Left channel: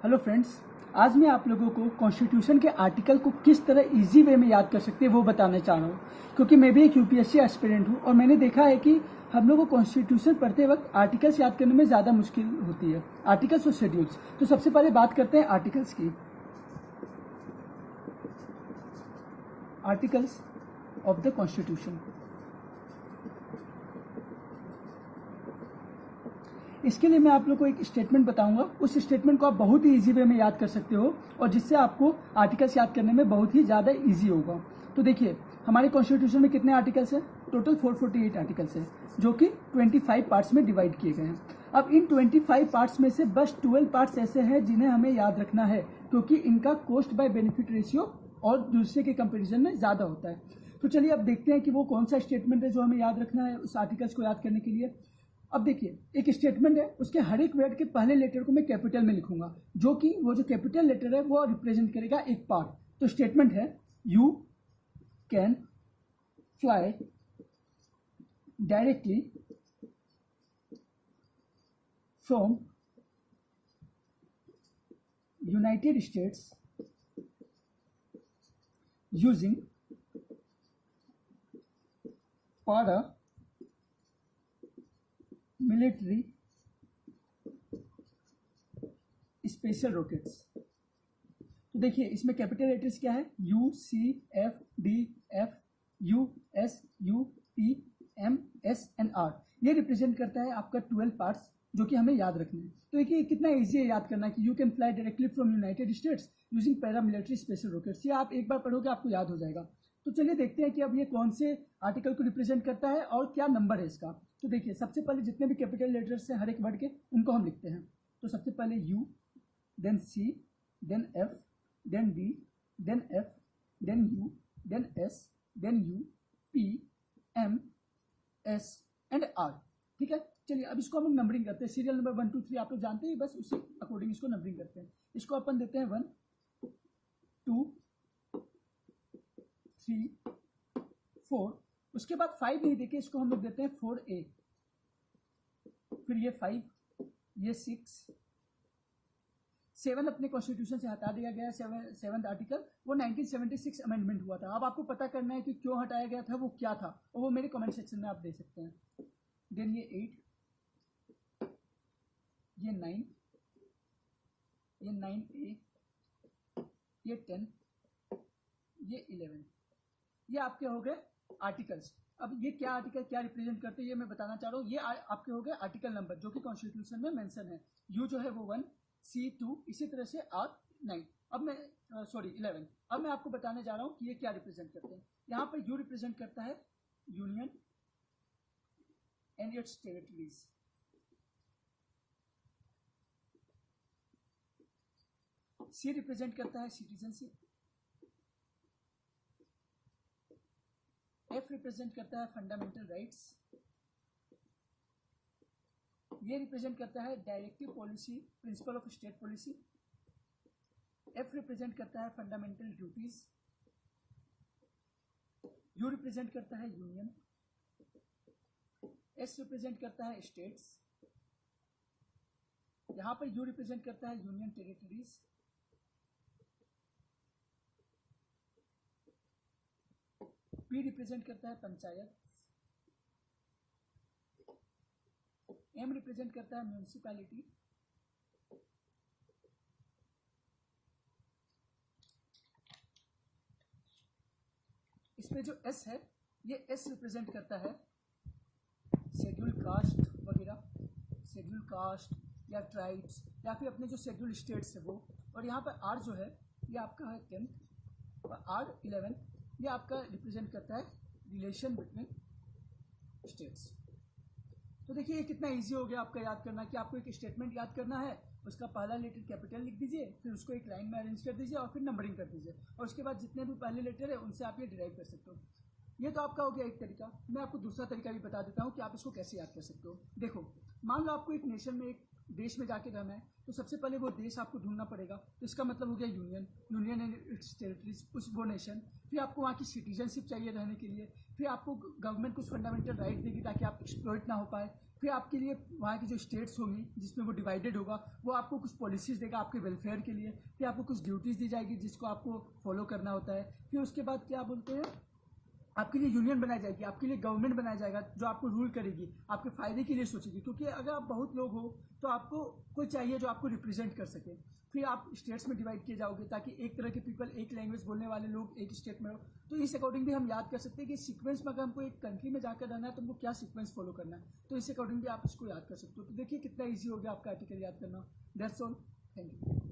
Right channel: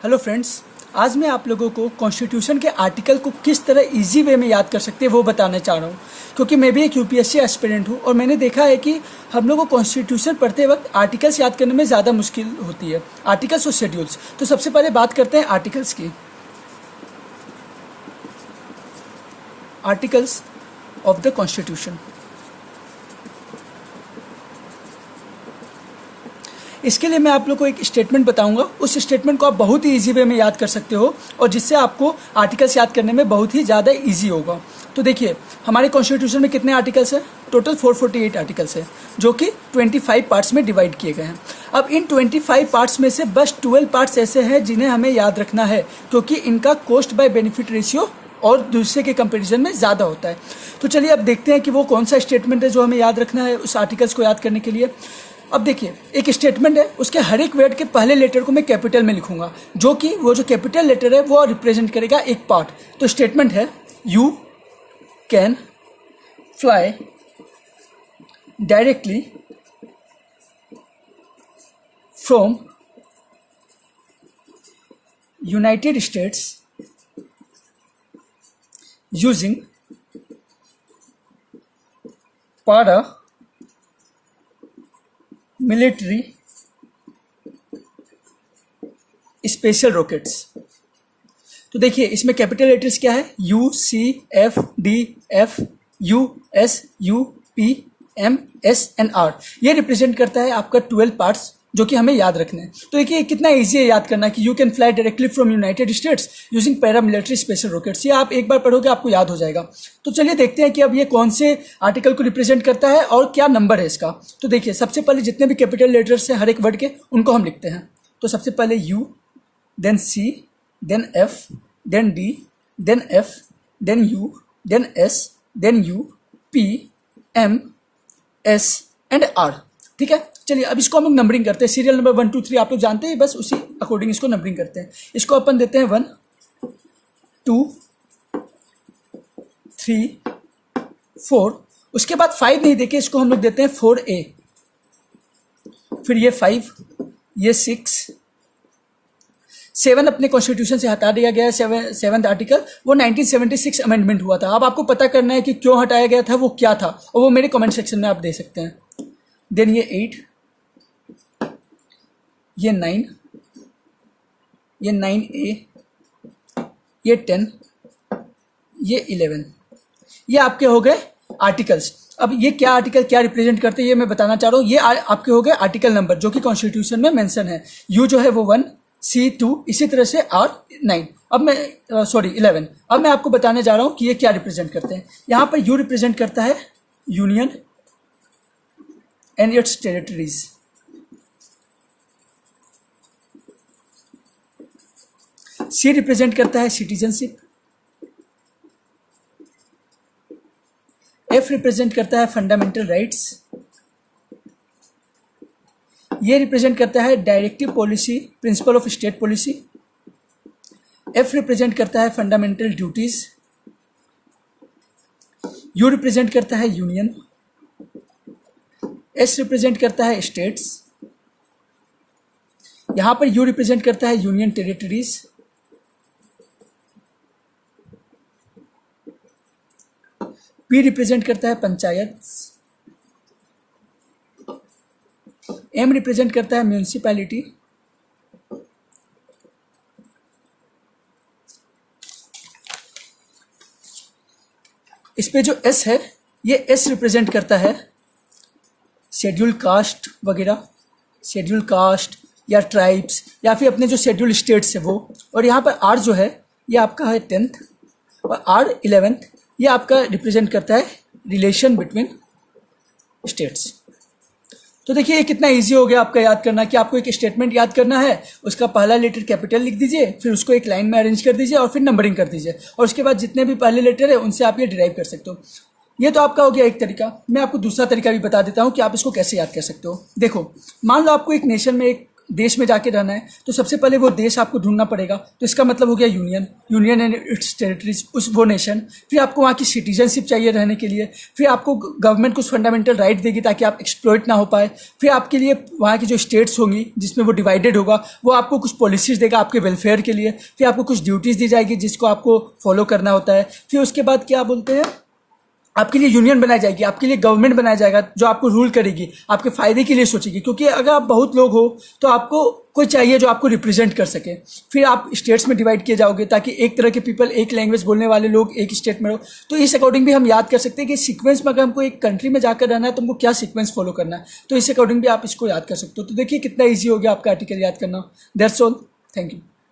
Hello friends, आज मैं आप लोगों को कॉन्स्टिट्यूशन के आर्टिकल को किस तरह इजी वे में याद कर सकते हैं वो बताना चाह रहा हूँ, क्योंकि मैं भी एक यूपीएससी एस्पिरेंट हूँ और मैंने देखा है कि हम लोगों को कॉन्स्टिट्यूशन पढ़ते वक्त आर्टिकल्स याद करने में ज़्यादा मुश्किल होती है, आर्टिकल्स और शेड्यूल्स। तो सबसे पहले बात करते हैं आर्टिकल्स की। Articles of the constitution. इसके लिए मैं आप लोग को एक स्टेटमेंट बताऊंगा, उस स्टेटमेंट को आप बहुत ही इजी वे में याद कर सकते हो और जिससे आपको आर्टिकल्स याद करने में बहुत ही ज़्यादा इजी होगा। तो देखिए, हमारे कॉन्स्टिट्यूशन में कितने आर्टिकल्स हैं? टोटल 448 आर्टिकल्स हैं, जो कि 25 पार्ट्स में डिवाइड किए गए हैं। अब इन 25 पार्ट्स में से बस 12 पार्ट्स ऐसे हैं जिन्हें हमें याद रखना है, क्योंकि इनका कॉस्ट बाय बेनिफिट रेशियो और दूसरे के कंपैरिजन में ज़्यादा होता है। तो चलिए अब देखते हैं कि वो कौन सा स्टेटमेंट है जो हमें याद रखना है उस आर्टिकल्स को याद करने के लिए। अब देखिए, एक स्टेटमेंट है, उसके हर एक वर्ड के पहले लेटर को मैं कैपिटल में लिखूंगा, जो कि वो जो कैपिटल लेटर है वो रिप्रेजेंट करेगा एक पार्ट। तो स्टेटमेंट है, you can fly directly from United States using paramilitary special rockets. तो देखिए, इसमें कैपिटल लेटर्स क्या है? U, C, F, D, F, U, S, U, P, M, S and R. ये रिप्रेजेंट करता है आपका 12 पार्ट्स जो कि हमें याद रखने हैं। तो देखिए कितना इजी है याद करना कि you can fly directly from United States using para military special rockets. ये आप एक बार पढ़ोगे आपको याद हो जाएगा। तो चलिए देखते हैं कि अब ये कौन से आर्टिकल को रिप्रेजेंट करता है और क्या नंबर है इसका। तो देखिए, सबसे पहले जितने भी कैपिटल लेटर्स हैं हर एक वर्ड के, उनको हम लिखते हैं। तो सबसे पहले U, then C, then F, then D, then F, then U, then S, then U, P, M, S and R. ठीक है, चलिए अब इसको हम लोग नंबरिंग करते हैं। सीरियल नंबर 1 2 3 आप लोग जानते हैं, बस उसी अकॉर्डिंग इसको नंबरिंग करते हैं। इसको अपन देते हैं 1 2 3 4। उसके बाद 5 नहीं देके इसको हम लोग देते हैं 4A। फिर ये 5, ये 6, 7 अपने कॉन्स्टिट्यूशन से हटा दिया गया है। 7th आर्टिकल वो 1976 अमेंडमेंट हुआ था। अब आपको पता करना है कि क्यों हटाया गया था, वो क्या था, और वो मेरे कमेंट सेक्शन में आप दे सकते हैं। देन ये 8, ये 9, ये 9A, ये 10, ये 11। ये आपके हो गए आर्टिकल्स। अब ये क्या आर्टिकल क्या रिप्रेजेंट करते हैं ये मैं बताना चाह रहा हूँ। ये आपके हो गए आर्टिकल नंबर जो कि कॉन्स्टिट्यूशन में मेंशन है। यू जो है वो 1, C 2, इसी तरह से R 9। अब मैं 11। अब मैं आपको बताने जा रहा हूँ कि ये क्या रिप्रेजेंट करते हैं। यहाँ पर यू रिप्रेजेंट करता है union and its territories. C represent करता है सिटीजनशिप। एफ रिप्रेजेंट करता है फंडामेंटल राइट्स। ये रिप्रेजेंट करता है directive policy, principle of state policy. F represent करता है फंडामेंटल ड्यूटीज। यू रिप्रेजेंट करता है यूनियन। एस रिप्रेजेंट करता है स्टेट्स। यहां पर यू रिप्रेजेंट करता है यूनियन टेरिटरीज। पी रिप्रेजेंट करता है पंचायत। एम रिप्रेजेंट करता है म्यूनिसिपैलिटी। इस पे जो एस है, ये एस रिप्रेजेंट करता है शेड्यूल कास्ट वगैरह, शेड्यूल कास्ट या ट्राइब्स या फिर अपने जो शेड्यूल स्टेट्स है वो। और यहाँ पर आर जो है ये आपका है 10th, और आर 11th ये आपका रिप्रेजेंट करता है रिलेशन बिटवीन स्टेट्स। तो देखिए ये कितना इजी हो गया आपका याद करना कि आपको एक स्टेटमेंट याद करना है, उसका पहला लेटर कैपिटल लिख दीजिए, फिर उसको एक लाइन में अरेंज कर दीजिए और फिर नंबरिंग कर दीजिए, और उसके बाद जितने भी पहले लेटर है उनसे आप ये डिराइव कर सकते हो। ये तो आपका हो गया एक तरीका। मैं आपको दूसरा तरीका भी बता देता हूँ कि आप इसको कैसे याद कर सकते हो। देखो, मान लो आपको एक नेशन में एक देश में जाके रहना है तो सबसे पहले वो देश आपको ढूंढना पड़ेगा। तो इसका मतलब हो गया यूनियन एंड इट्स टेरिटरीज, उस वो नेशन। फिर आपको वहाँ की सिटीजनशिप चाहिए रहने के लिए। फिर आपको गवर्नमेंट कुछ फंडामेंटल राइट देगी ताकि आप एक्सप्लॉइट ना हो पाए। फिर आपके लिए वहाँ की जो स्टेट्स होंगी जिसमें वो डिवाइडेड होगा, वो आपको कुछ पॉलिसीज़ देगा आपके वेलफेयर के लिए। फिर आपको कुछ ड्यूटीज़ दी जाएगी जिसको आपको फॉलो करना होता है। फिर उसके बाद क्या बोलते हैं, आपके लिए यूनियन बनाई जाएगी, आपके लिए गवर्नमेंट बनाया जाएगा जो आपको रूल करेगी, आपके फ़ायदे के लिए सोचेगी। क्योंकि अगर आप बहुत लोग हो तो आपको कोई चाहिए जो आपको रिप्रेजेंट कर सके। फिर आप स्टेट्स में डिवाइड किए जाओगे ताकि एक तरह के पीपल, एक लैंग्वेज बोलने वाले लोग एक स्टेट में हो। तो इस अकॉर्डिंग भी हम याद कर सकते हैं कि सीक्वेंस में अगर हमको एक कंट्री में जाकर रहना है तो हमको क्या सीक्वेंस फॉलो करना है। तो इस अकॉर्डिंग भी आप इसको याद कर सकते हो। तो देखिए कितना ईजी हो गया आपका आर्टिकल याद करना। That's all, thank you.